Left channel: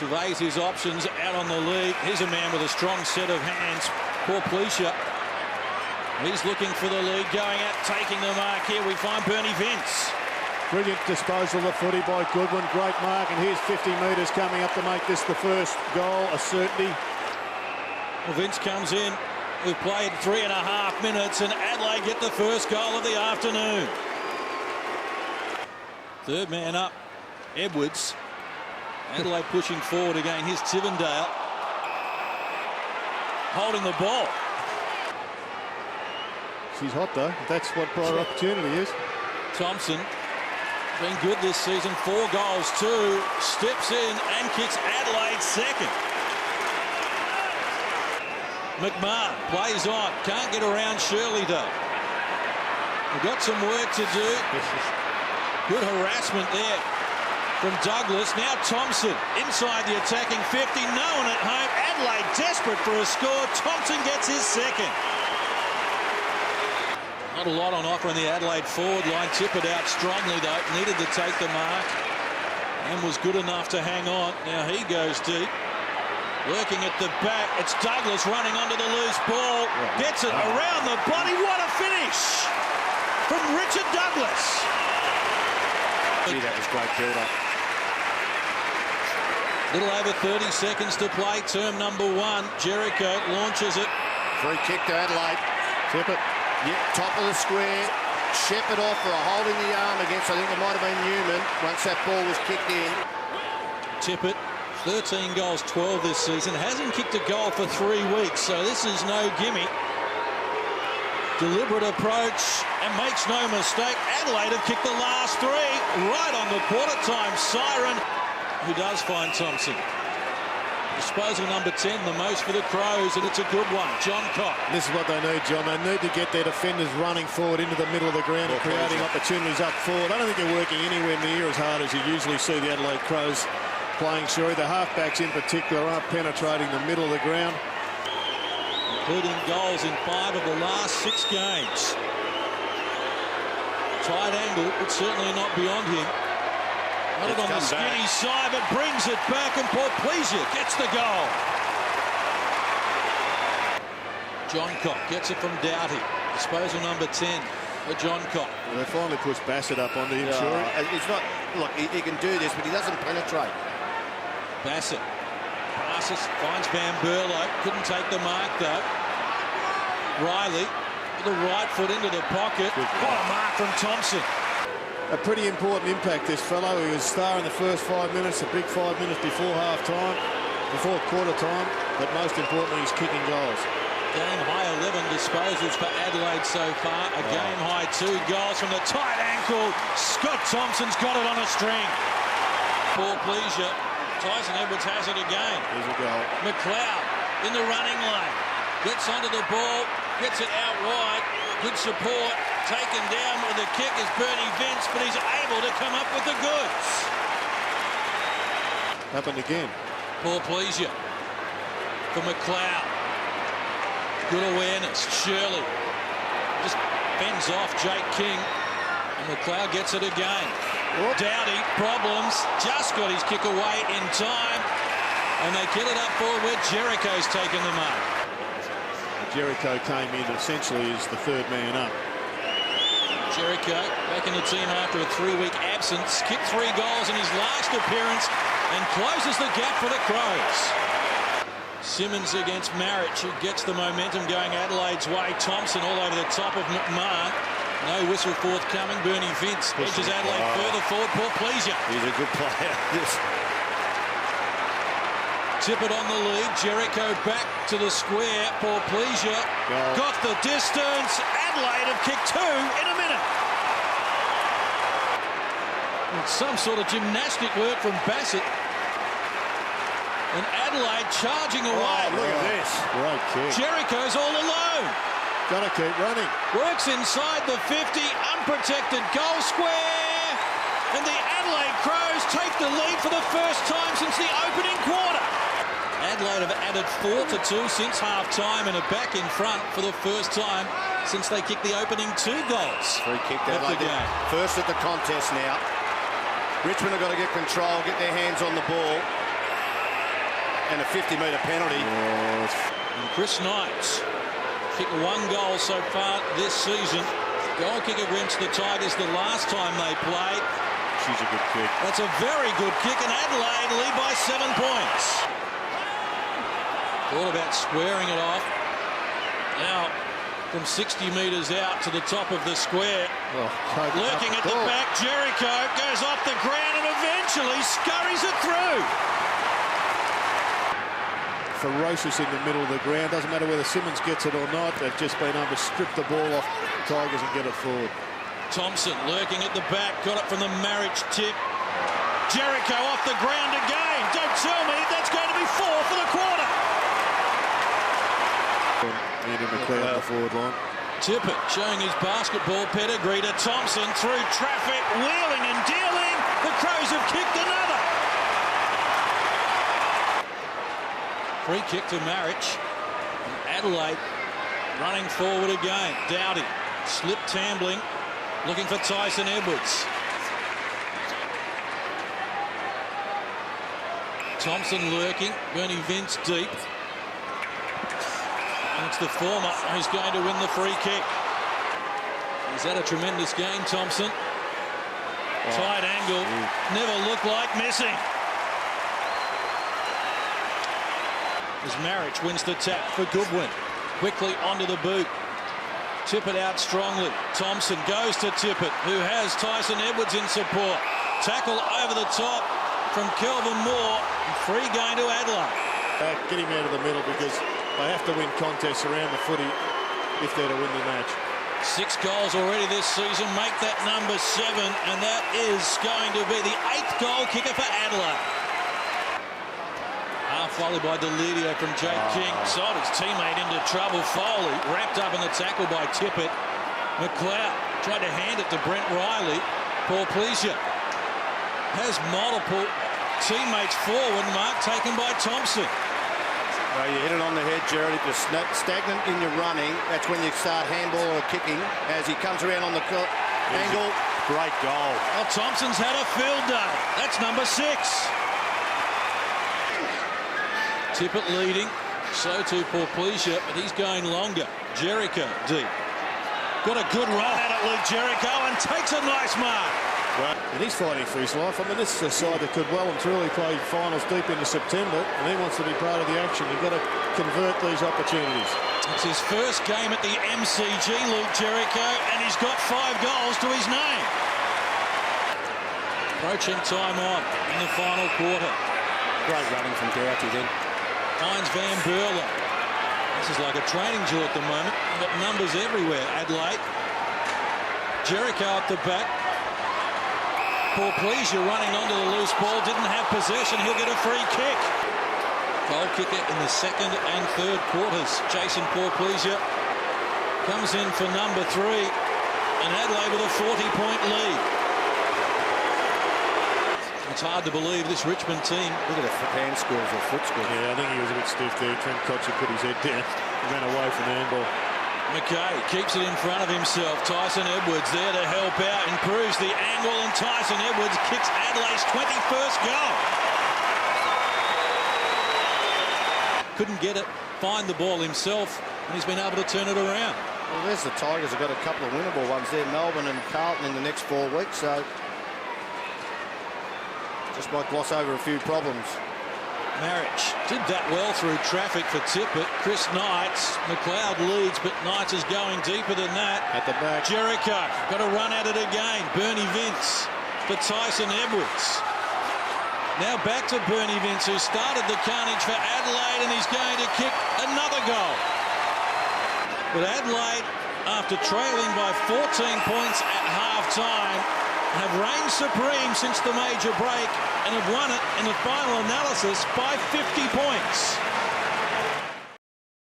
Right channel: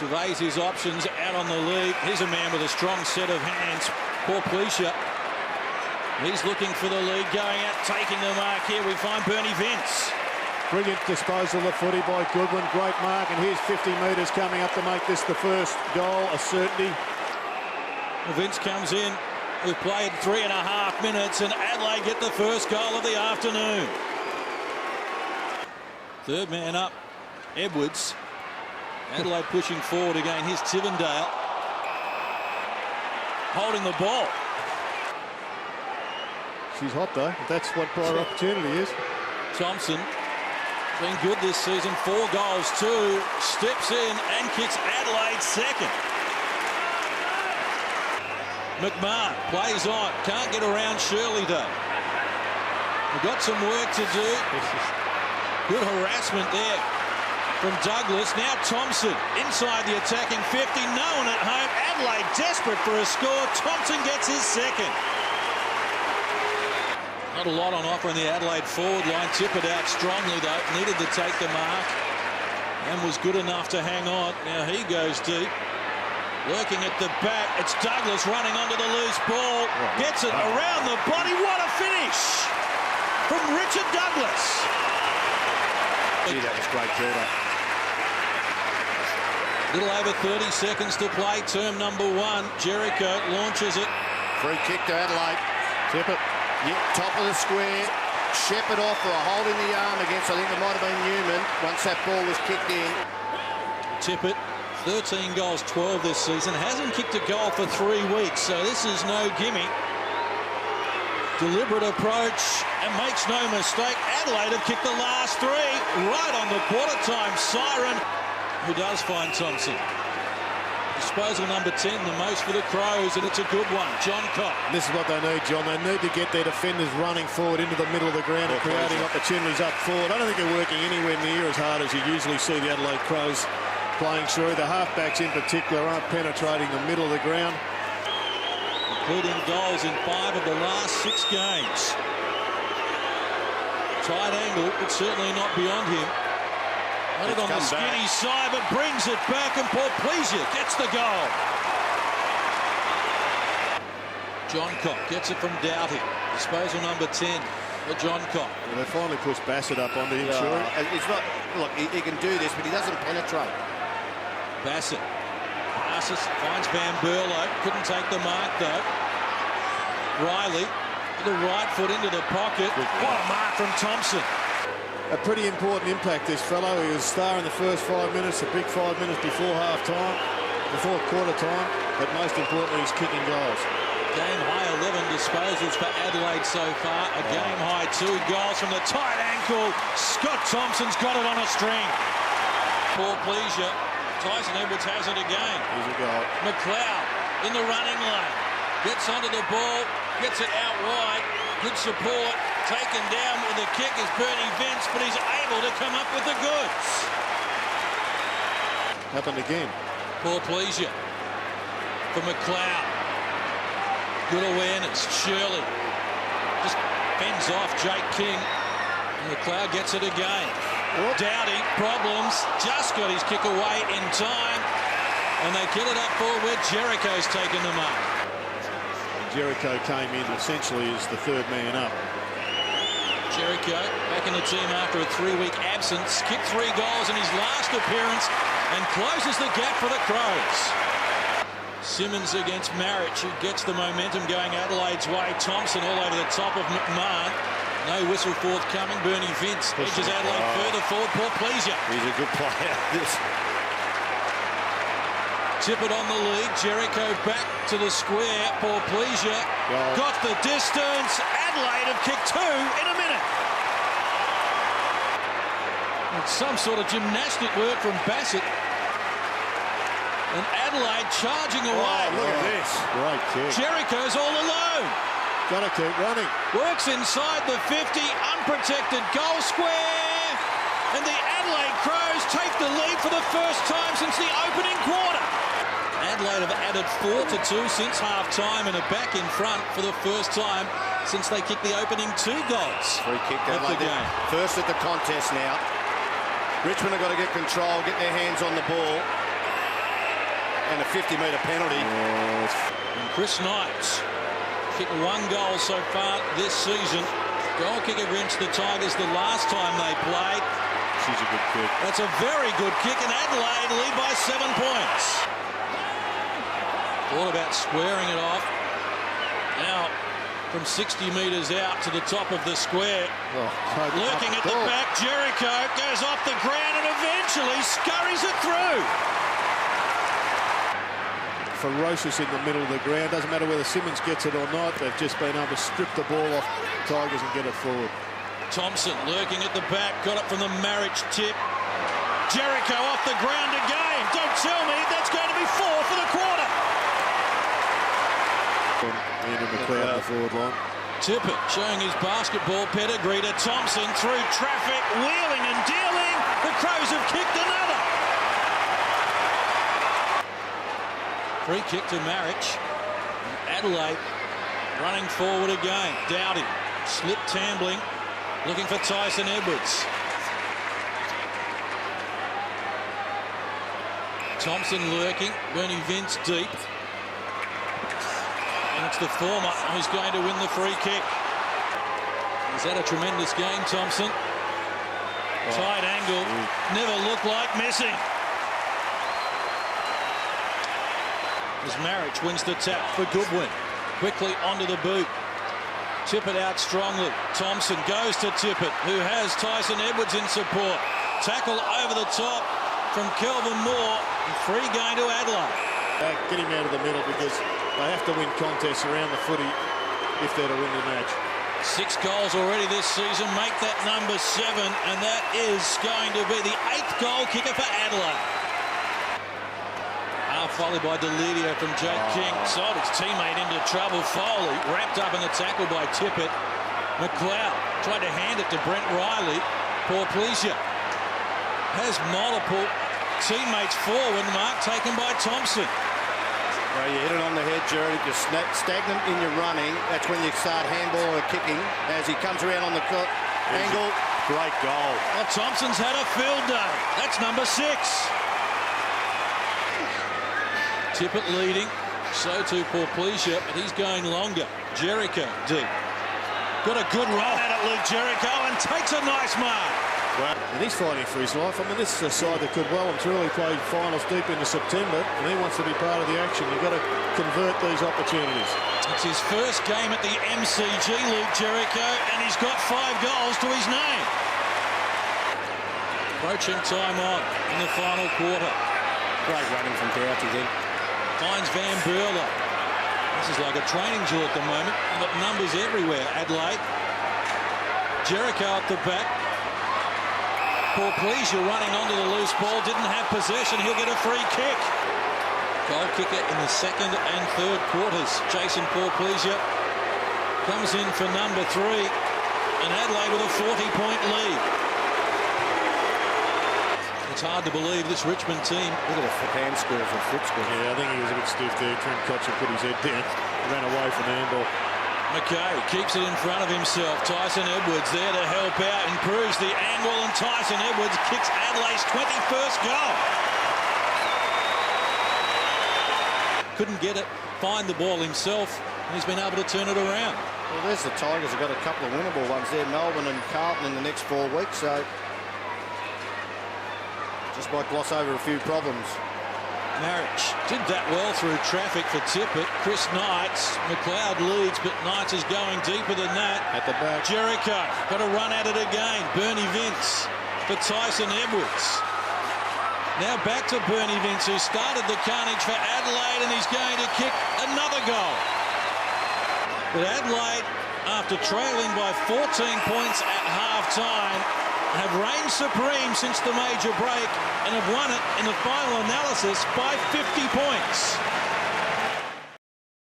Surveys his options out on the lead. Here's a man with a strong set of hands. Poor Pleasure. He's looking for the lead, going out, taking the mark. Here we find Bernie Vince. Brilliant disposal of footy by Goodwin. Great mark, and here's 50 metres coming up to make this the first goal, a certainty. Well, Vince comes in. We've played 3.5 minutes, and Adelaide get the first goal of the afternoon. Third man up, Edwards. Adelaide pushing forward again. Here's Tivendale holding the ball. She's hot, though. That's what prior opportunity is. Thompson been good this season. 4 goals, 2. Steps in and kicks Adelaide second. McMahon plays on. Can't get around Shirley, though. We've got some work to do. Good harassment there from Douglas. Now Thompson inside the attacking 50. No one at home. Adelaide desperate for a score. Thompson gets his second. Not a lot on offer in the Adelaide forward line. Tippett out strongly, though. Needed to take the mark and was good enough to hang on. Now he goes deep. Lurking at the back. It's Douglas running onto the loose ball. Gets it around the body. What a finish from Richard Douglas. Gee, that was great build-up. Little over 30 seconds to play. Term number 1. Jericho launches it. Free kick to Adelaide. Tippett. Yeah, top of the square. Shepherd off for a hold in the arm against, I think it might have been Newman, once that ball was kicked in. Tippett, 13 goals, 12 this season. Hasn't kicked a goal for 3 weeks, so this is no gimme. Deliberate approach, and makes no mistake. Adelaide have kicked the last 3 right on the quarter-time siren. Who does find Thompson? Disposal number 10, the most for the Crows, and it's a good one. John Cock. This is what they need, John. They need to get their defenders running forward into the middle of the ground and creating opportunities up forward. I don't think they're working anywhere near as hard as you usually see the Adelaide Crows playing, Shuri. The halfbacks in particular aren't penetrating the middle of the ground. Including goals in 5 of the last 6 games. Tight angle, but certainly not beyond him. Got it on the skinny side, but brings it back, and Paul Pleasure gets the goal. John Cock gets it from Doughty. Disposal number 10 for John Cock. Well, they finally pushed Bassett up onto him, Shuri. It's not, look, he can do this, but he doesn't penetrate. Bassett passes, finds Van Berlo. Couldn't take the mark, though. Riley with the right foot into the pocket. What a mark from Thompson. A pretty important impact, this fellow. He was star in the first 5 minutes, a big 5 minutes before half-time, before quarter-time, but most importantly, he's kicking goals. Game high 11 disposals for Adelaide so far. A game high 2 goals from the tight ankle. Scott Thompson's got it on a string. Poor Pleasure. Tyson Edwards has it again. Here's a goal. McLeod in the running lane. Gets onto the ball, gets it out wide. Good support. Taken down with the kick is Bernie Vince, but he's able to come up with the goods. Happened again. Poor Pleasure for McLeod. Good awareness. Shirley just fends off Jake King. And McLeod gets it again. Whoop. Doughty, problems. Just got his kick away in time. And they get it up forward where Jericho's taken the mark. And Jericho came in essentially as the third man up. Jericho back in the team after a 3-week absence. Kicked 3 goals in his last appearance and closes the gap for the Crows. Simmons against Marich, who gets the momentum going Adelaide's way. Thompson all over the top of McMahon. No whistle forthcoming. Bernie Vince edges Adelaide further forward. Poor Pleasure. He's a good player. Tippett on the lead. Jericho back to the square. Poor Pleasure. Got the distance. Adelaide have kicked 2 in a minute. Well, some sort of gymnastic work from Bassett. And Adelaide charging away. Oh, look at this. Great kick. Jericho's all alone. Got to keep running. Works inside the 50. Unprotected goal square. And the Adelaide Crows take the lead for the first time since the opening quarter. Adelaide have added 4-2 since half-time and are back in front for the first time since they kicked the opening 2 goals. Free kick to Adelaide. First at the contest now. Richmond have got to get control, get their hands on the ball. and a 50-metre penalty. And Chris Knight's kicked 1 goal so far this season. Goal kick against the Tigers the last time they played. She's a good kick. That's a very good kick, and Adelaide lead by 7 points. Thought about squaring it off. Now, from 60 metres out to the top of the square. Lurking at the back, Jericho goes off the ground and eventually scurries it through. Ferocious in the middle of the ground. Doesn't matter whether Simmons gets it or not. They've just been able to strip the ball off Tigers and get it forward. Thompson lurking at the back, got it from the Marriage tip. Jericho off the ground again. Don't tell me that's going to be 4 for the quarter. Andrew McLeod on the forward line. Tippett showing his basketball pedigree to Thompson through traffic, wheeling and dealing. The Crows have kicked another. Free kick to Marriage. And Adelaide running forward again. Doughty slipped tambling, looking for Tyson Edwards. Thompson lurking, Bernie Vince deep. And it's the former who's going to win the free kick. He's had a tremendous game, Thompson. Tight angle, never looked like missing. As Marriage wins the tap for Goodwin. Quickly onto the boot. Tippett out strongly. Thompson goes to Tippett, who has Tyson Edwards in support. Tackle over the top from Kelvin Moore. And free going to Adelaide. Get him out of the middle because they have to win contests around the footy if they're to win the match. 6 goals already this season, make that number 7, and that is going to be the 8th goal kicker for Adelaide. Half volley by Delidio from Jake King. Sold his teammate into trouble. Foley wrapped up in the tackle by Tippett. McLeod tried to hand it to Brent Riley. Paul Pleasure has multiple teammates forward. Mark taken by Thompson. No, you hit it on the head, Jared. If you're stagnant in your running, that's when you start handball or kicking. As he comes around on the angle, great goal. Well, Thompson's had a field day. That's number 6. Tippett leading, so too Paul Pleasure, but he's going longer. Jericho deep. Got a good run at it, Luke Jericho, and takes a nice mark. Well, and he's fighting for his life. I mean, this is a side that could well and truly play finals deep into September, and he wants to be part of the action. You've got to convert these opportunities. It's his first game at the MCG, Luke Jericho, and he's got 5 goals to his name. Approaching time on in the final quarter. Great running from Doughty then. Finds Van Berlo. This is like a training drill at the moment. You've got numbers everywhere, Adelaide. Jericho at the back. Paul Pleasure running onto the loose ball. Didn't have possession. He'll get a free kick. Goal kicker in the 2nd and 3rd quarters. Jason Paul Pleasure comes in for number 3. And Adelaide with a 40-point lead. It's hard to believe this Richmond team. Look at the hand skills or foot skills. Yeah, I think he was a bit stiff there. Trent Cotcher put his head down, ran away from the handball. McKay keeps it in front of himself. Tyson Edwards there to help out, improves the angle, and Tyson Edwards kicks Adelaide's 21st goal. Couldn't get it, find the ball himself, and he's been able to turn it around. Well, there's the Tigers have got a couple of winnable ones there, Melbourne and Carlton in the next 4 weeks, so just might gloss over a few problems. Marriage did that well through traffic for Tippett. Chris Knights, McLeod leads, but Knights is going deeper than that. At the back. Jericho got to run at it again. Bernie Vince to Tyson Edwards. Now back to Bernie Vince, who started the carnage for Adelaide, and he's going to kick another goal. But Adelaide, after trailing by 14 points at half-time, have reigned supreme since the major break and have won it in the final analysis by 50 points.